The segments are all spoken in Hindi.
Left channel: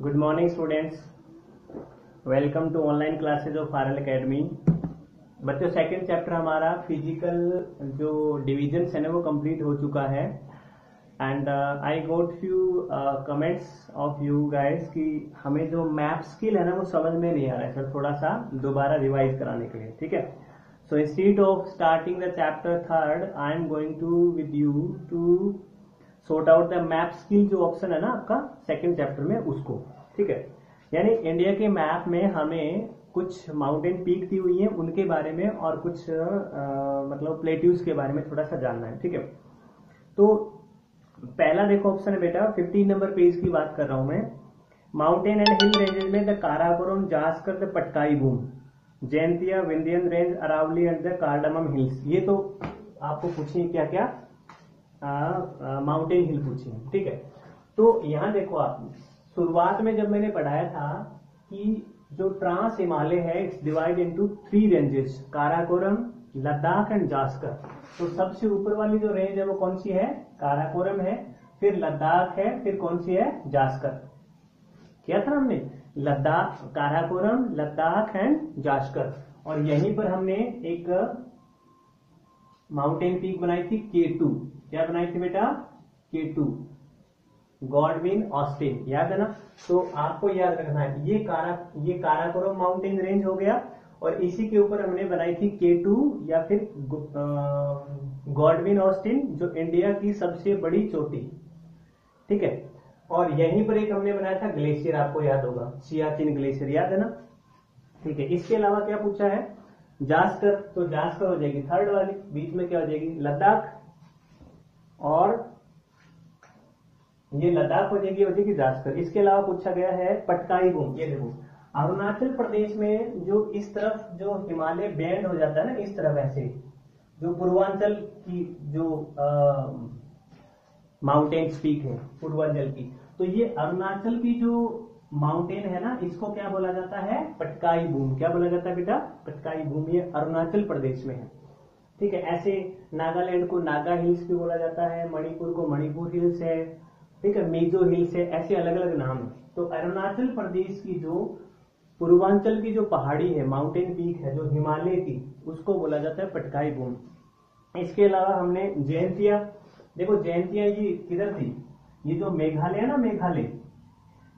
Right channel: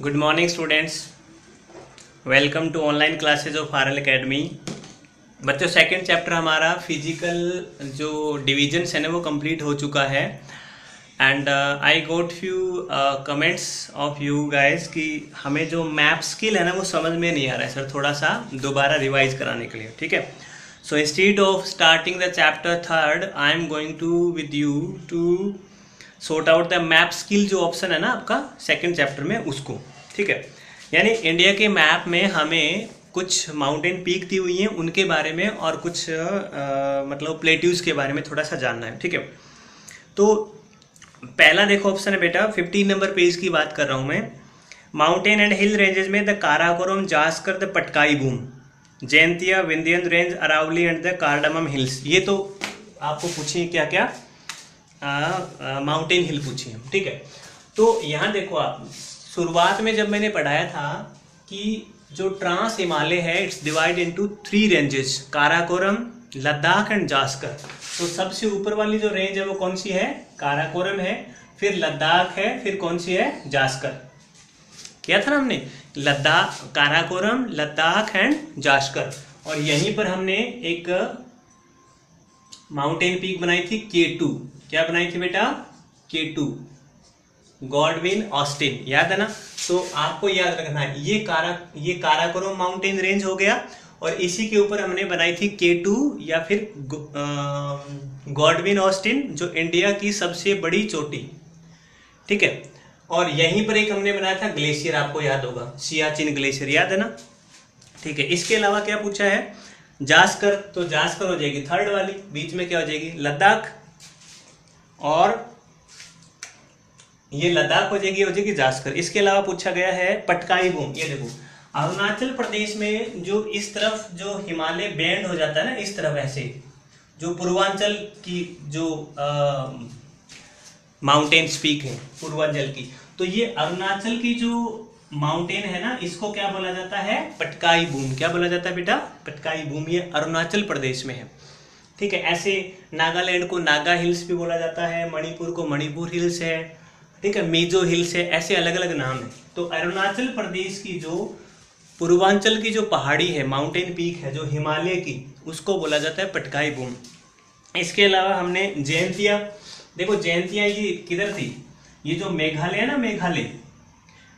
Good morning students, welcome to online classes of RL academy. बच्चों, सेकंड चैप्टर हमारा फिजिकल जो डिविजन्स है ना वो कंप्लीट हो चुका है। And I got few comments of you guys कि हमें जो मैप स्किल है ना वो समझ में नहीं आ रहा है सर, थोड़ा सा दोबारा रिवाइज कराने के लिए। ठीक है, so instead of starting the chapter third I am going to with you to sort out the map skill जो ऑप्शन है ना आपका सेकंड चैप्टर में उसको। ठीक है, यानी इंडिया के मैप में हमें कुछ माउंटेन पीक दी हुई हैं उनके बारे में और कुछ मतलब प्लेट्यूज के बारे में थोड़ा सा जानना है। ठीक है, तो पहला देखो ऑप्शन है बेटा 15 नंबर पेज की बात कर रहा हूं मैं। माउंटेन एंड हिल रेंजेस में the Karakoram, Zanskar, the Patkai Bum, Jaintia, Vindhyan range, Aravalli and the cardamom hills. ये तो आपको पूछिए क्या क्या माउंटेन हिल पूछिए। ठीक है, तो यहाँ देखो आप शुरुआत में जब मैंने पढ़ाया था कि जो ट्रांस हिमालय है it's divide into 3 ranges, Karakoram, Ladakh and Zanskar. तो सबसे ऊपर वाली जो रेंज है वो कौन सी है? काराकोरम है, फिर लद्दाख है, फिर कौन सी है? जास्कर। किया था ना हमने, लद्दाख, काराकोरम, लद्दाख एंड जास्कर। और यहीं पर हमने एक माउंटेन पीक बनाई थी K2। क्या बनाई थी बेटा? K2, गॉडविन ऑस्टिन, याद है ना? तो आपको याद रखना है ये काराकोरम माउंटेन रेंज हो गया और इसी के ऊपर हमने बनाई थी K2 या फिर गॉडविन ऑस्टिन जो इंडिया की सबसे बड़ी चोटी। ठीक है, और यहीं पर एक हमने बनाया था ग्लेशियर, आपको याद होगा, सियाचिन ग्लेशियर, याद है ना? ठीक है, इसके अलावा क्या पूछा है? जास्कर, तो जास्कर हो जाएगी थर्ड वाली, बीच में क्या हो जाएगी? लद्दाख, और ये लद्दाख हो जाएगी जास्कर। इसके अलावा पूछा गया है पटकाई बूम। ये देखो अरुणाचल प्रदेश में जो इस तरफ जो हिमालय बैंड हो जाता है ना, इस तरफ ऐसे जो पूर्वांचल की जो माउंटेन पीक है पूर्वांचल की, तो ये अरुणाचल की जो माउंटेन है ना इसको क्या बोला जाता है? पटकाई बूम। क्या बोला जाता है बेटा? पटकाई बूम। ये अरुणाचल प्रदेश में है। ठीक है, ऐसे नागालैंड को नागा हिल्स भी बोला जाता है, मणिपुर को मणिपुर हिल्स है, ठीक है, मिजो हिल्स है, ऐसे अलग अलग नाम है। तो अरुणाचल प्रदेश की जो पूर्वांचल की जो पहाड़ी है, माउंटेन पीक है जो हिमालय की, उसको बोला जाता है पटकाई बूम। इसके अलावा हमने जैंतिया, देखो जैंतिया ये किधर थी? ये जो मेघालय है ना,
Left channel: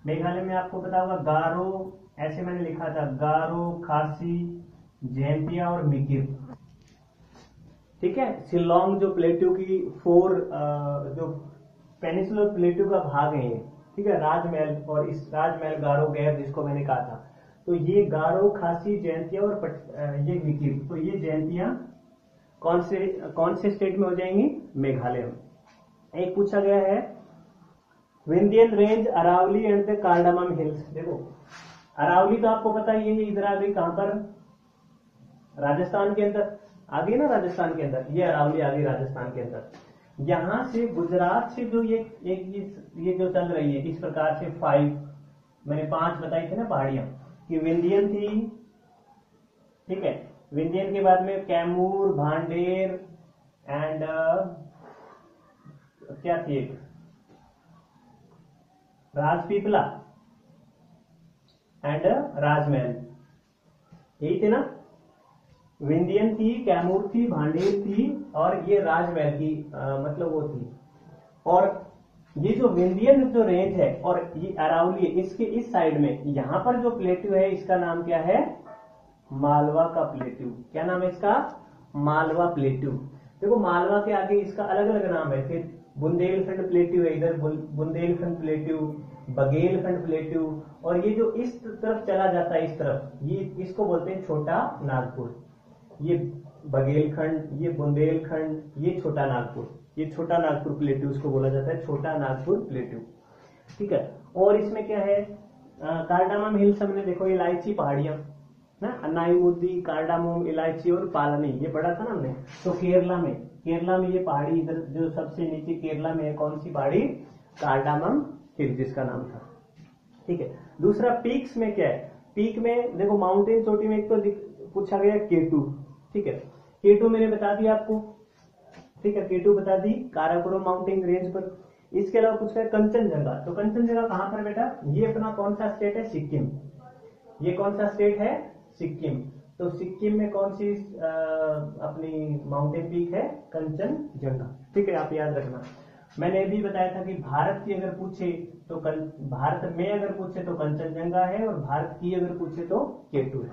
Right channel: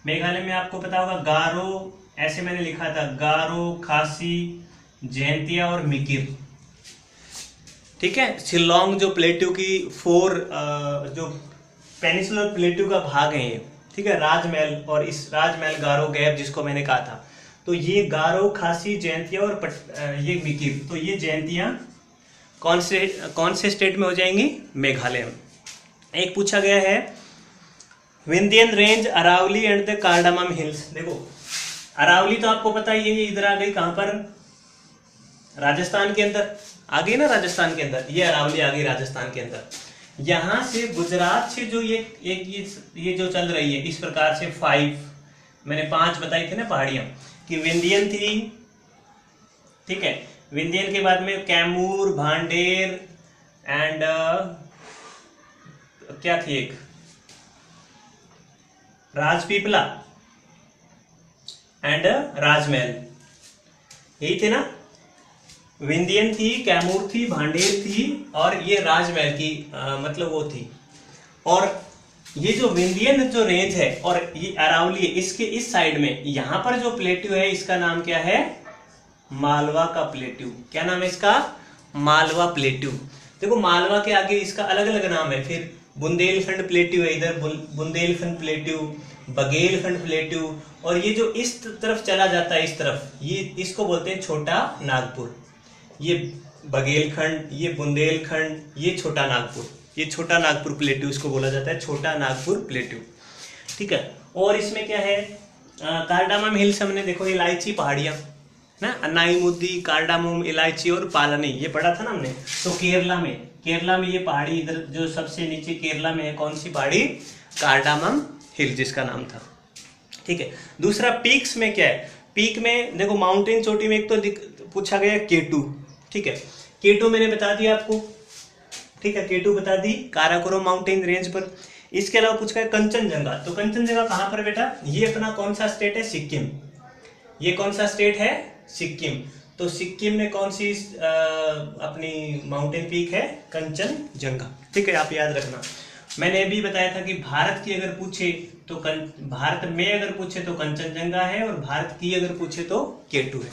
मेघालय में आपको पता होगा गारो, ऐसे मैंने लिखा था, गारो, खासी, जैंतिया और मिकिर। ठीक है, शिलोंग जो प्लेट्यू की 4 जो पेनिसुलर प्लेट्यू का भाग है ये। ठीक है, राजमहल, और इस राजमहल गारो गैप जिसको मैंने कहा था, तो ये गारो, खासी, जैंतिया और ये मिकिर। तो ये जैंतिया कौन से स्टेट में हो जाएंगी? मेघालय में। एक पूछा गया है Vindhyan range, Aravalli and the cardamom hills. देखो अरावली तो आपको पता ही है, ये इधर आ गई, कहां पर? राजस्थान के अंदर आ गई ना, राजस्थान के अंदर ये अरावली आ गई राजस्थान के अंदर। यहां से गुजरात से जो ये जो चल रही है इस प्रकार से 5, मैंने 5 बताई थी ना पहाड़ियां, कि विंध्यन थी, ठीक है, विंध्यन के बाद में कैमूर, भांडेर एंड क्या थी एक, राजपीपला एंड राजमहल, यही थे ना? विंध्यन थी, कैमूर थी, भांडेर थी और ये राजमहल की मतलब वो थी। और ये जो विंध्यन जो रेंज है और ये अरावली है, इसके इस साइड में यहाँ पर जो प्लेट्यू है इसका नाम क्या है? मालवा का प्लेट्यू। क्या नाम है इसका? मालवा प्लेट्यू। देखो मालवा के आगे इसका अलग अलग नाम है, फिर बुंदेलखंड प्लेट्यू है, इधर बुंदेलखंड प्लेट्यू, बघेलखंड प्लेट्यू, और ये जो इस तरफ चला जाता है इस तरफ, ये इसको बोलते हैं छोटा नागपुर। ये बघेलखंड, ये बुंदेलखंड, ये छोटा नागपुर, ये छोटा नागपुर प्लेट्यू इसको बोला जाता है, छोटा नागपुर प्लेट्यू। ठीक है, और इसमें क्या है? कार्डामम हिल्स हमने देखो इलायची पहाड़ियां ना, अन्नाईमुद्दी, कार्डामम, इलायची और पालनी, ये पढ़ा था ना हमने। तो केरला में ये पहाड़ी, इधर जो सबसे नीचे केरला में है कौन सी पहाड़ी? कार्डामम हिल जिसका नाम था। ठीक है, दूसरा पीक्स में क्या है? पीक में देखो माउंटेन चोटी में एक तो पूछा गया K2। ठीक है, K2 मैंने बता दिया आपको। ठीक है, K2 बता दी काराकोरम माउंटेन रेंज पर। इसके अलावा पूछा है कंचनजंगा। तो कंचनजंगा कहाँ पर बेटा, ये अपना कौन सा स्टेट है, सिक्किम। ये कौन सा स्टेट है, सिक्किम। तो सिक्किम में कौन सी अपनी माउंटेन पीक है, कंचनजंगा। ठीक है, आप याद रखना। मैंने भी बताया था कि भारत की अगर पूछे तो भारत में अगर पूछे तो कंचनजंगा है, और भारत की अगर पूछे तो K2 है।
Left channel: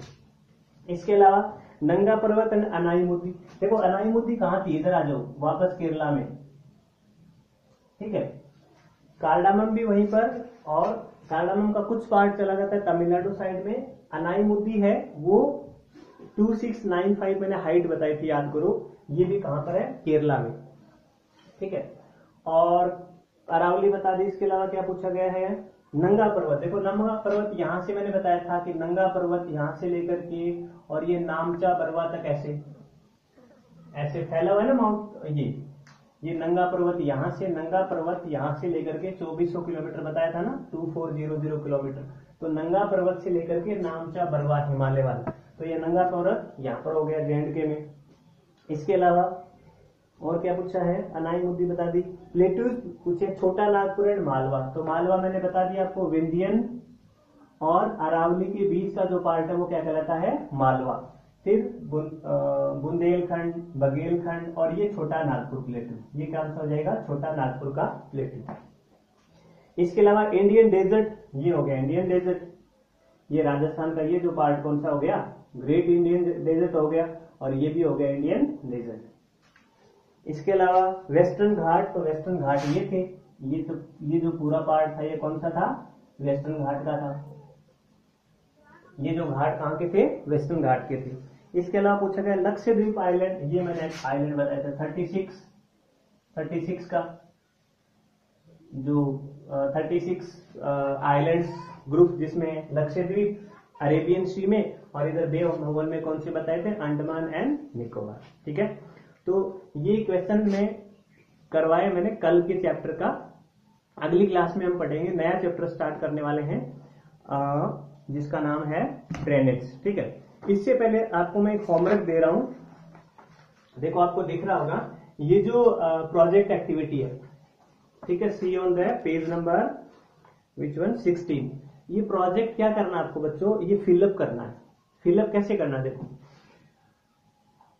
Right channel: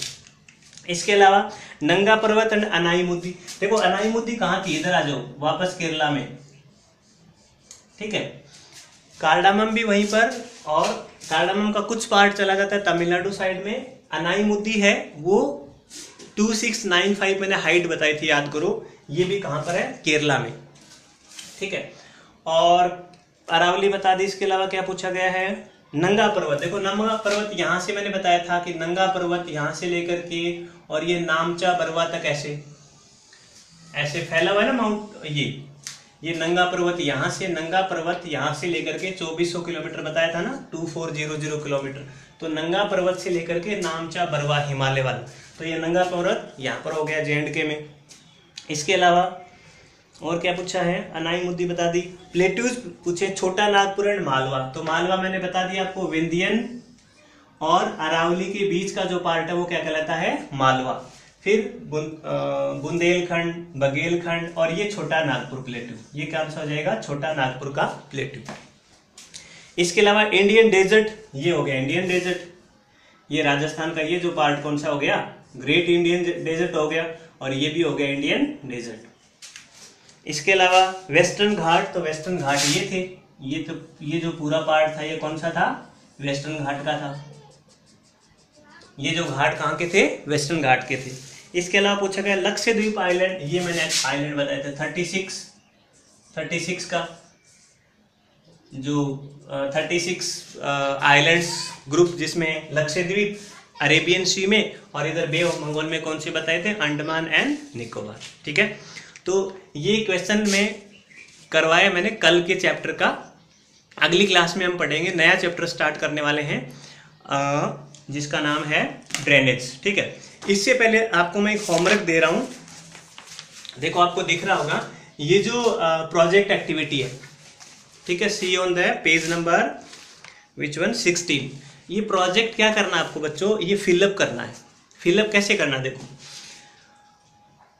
इसके अलावा नंगा पर्वत एंड अनाईमुद्दी। देखो अनाईमुद्दी कहाँ की, इधर आ जाओ वापस केरला में। ठीक है, कार्डामम भी वहीं पर, और कार्डामम का कुछ पार्ट चला जाता है तमिलनाडु साइड में। अनाईमुद्दी है वो 2695 मैंने हाइट बताई थी, याद करो। ये भी कहाँ पर है, केरला में। ठीक है, और अरावली बता दी। इसके अलावा क्या पूछा गया है, नंगा पर्वत। देखो नंगा पर्वत यहाँ से मैंने बताया था कि नंगा पर्वत यहाँ से लेकर के और ये नामचा बरवा तक ऐसे फैला हुआ है ना माउंट। ये नंगा पर्वत यहाँ से, नंगा पर्वत यहाँ से लेकर के 2400 किलोमीटर बताया था ना, 2400 किलोमीटर। तो नंगा पर्वत से लेकर के नामचा बरवा हिमालय वाला, तो ये नंगा पर्वत यहाँ पर हो गया J&K में। इसके अलावा और क्या पूछा है, अनाईमुद्दी बता दी। प्लेट्यूज पूछे, छोटा नागपुर एंड मालवा। तो मालवा मैंने बता दिया आपको, विंध्यन और अरावली के बीच का जो पार्ट है वो क्या कहलाता है, मालवा। फिर बुंदेलखंड, बघेलखंड और ये छोटा नागपुर प्लेट्यू, ये क्या हो जाएगा, छोटा नागपुर का प्लेट्यू। इसके अलावा इंडियन डेजर्ट, ये हो गया इंडियन डेजर्ट। ये राजस्थान का ये जो पार्ट कौन सा हो गया, ग्रेट इंडियन डेजर्ट हो गया, और ये भी हो गया इंडियन डेजर्ट। इसके अलावा वेस्टर्न घाट, तो वेस्टर्न घाट ये थे, ये जो पूरा पार्ट था ये कौन सा था, वेस्टर्न घाट का था। ये जो घाट कहाँ के थे, वेस्टर्न घाट के थे। इसके अलावा पूछा गया लक्षद्वीप आइलैंड, ये मैंने आइलैंड बताया था 36 का, जो 36 आइलैंड्स ग्रुप, जिसमें लक्षद्वीप अरेबियन सी में और इधर बे ऑफ बंगाल में कौन से बताए थे, अंडमान एंड निकोबार। ठीक है, तो ये क्वेश्चन में करवाया मैंने कल के चैप्टर का। अगली क्लास में हम पढ़ेंगे, नया चैप्टर स्टार्ट करने वाले हैं जिसका नाम है ड्रेनेज। ठीक है, इससे पहले आपको मैं एक होमवर्क दे रहा हूँ। देखो आपको दिख रहा होगा ये जो प्रोजेक्ट एक्टिविटी है, ठीक है, see on the page number which one 16। ये प्रोजेक्ट क्या करना है आपको बच्चों, ये फिलअप करना है। फिलअप कैसे करना, देखो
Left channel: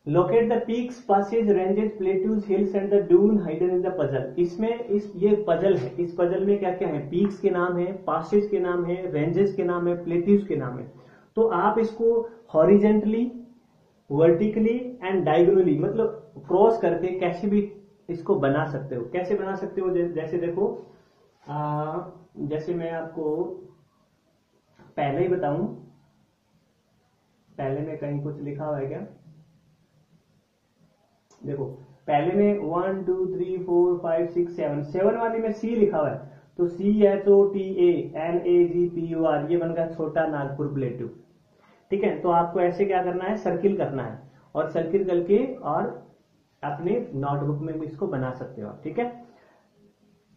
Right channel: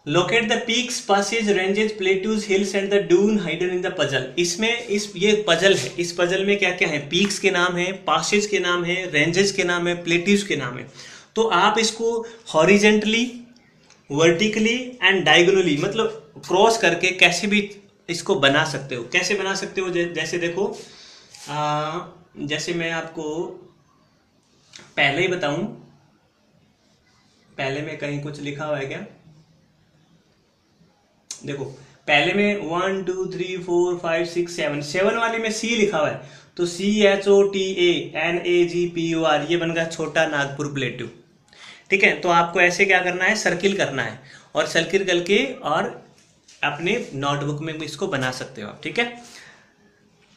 locate the peaks, passes, ranges, plateaus, hills and the dun hidden in the puzzle. इसमें ये पजल है, इस पजल में क्या क्या है, पीक्स के नाम है, पासेज के नाम है, रेंजेस के नाम है, प्लेट्यूज के नाम है। तो आप इसको हॉरिजेंटली, वर्टिकली एंड डायगोनली, मतलब क्रॉस करके कैसे भी इसको बना सकते हो। कैसे बना सकते हो, जैसे देखो जैसे मैं आपको पहले ही बताऊं, पहले में कहीं कुछ लिखा हुआ है क्या, देखो पहले में 1 2 3 4 5 6 7 वाली में सी लिखा हुआ है, तो CHOTANAGPUR, ये बन गया छोटा नागपुर प्लेट्यू। ठीक है, तो आपको ऐसे क्या करना है, सर्किल करना है, और सर्किल करके और अपने नोटबुक में भी इसको बना सकते हो आप। ठीक है,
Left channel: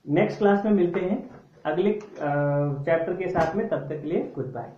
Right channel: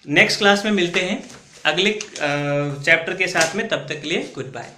नेक्स्ट क्लास में मिलते हैं अगले चैप्टर के साथ में, तब तक के लिए गुड बाय।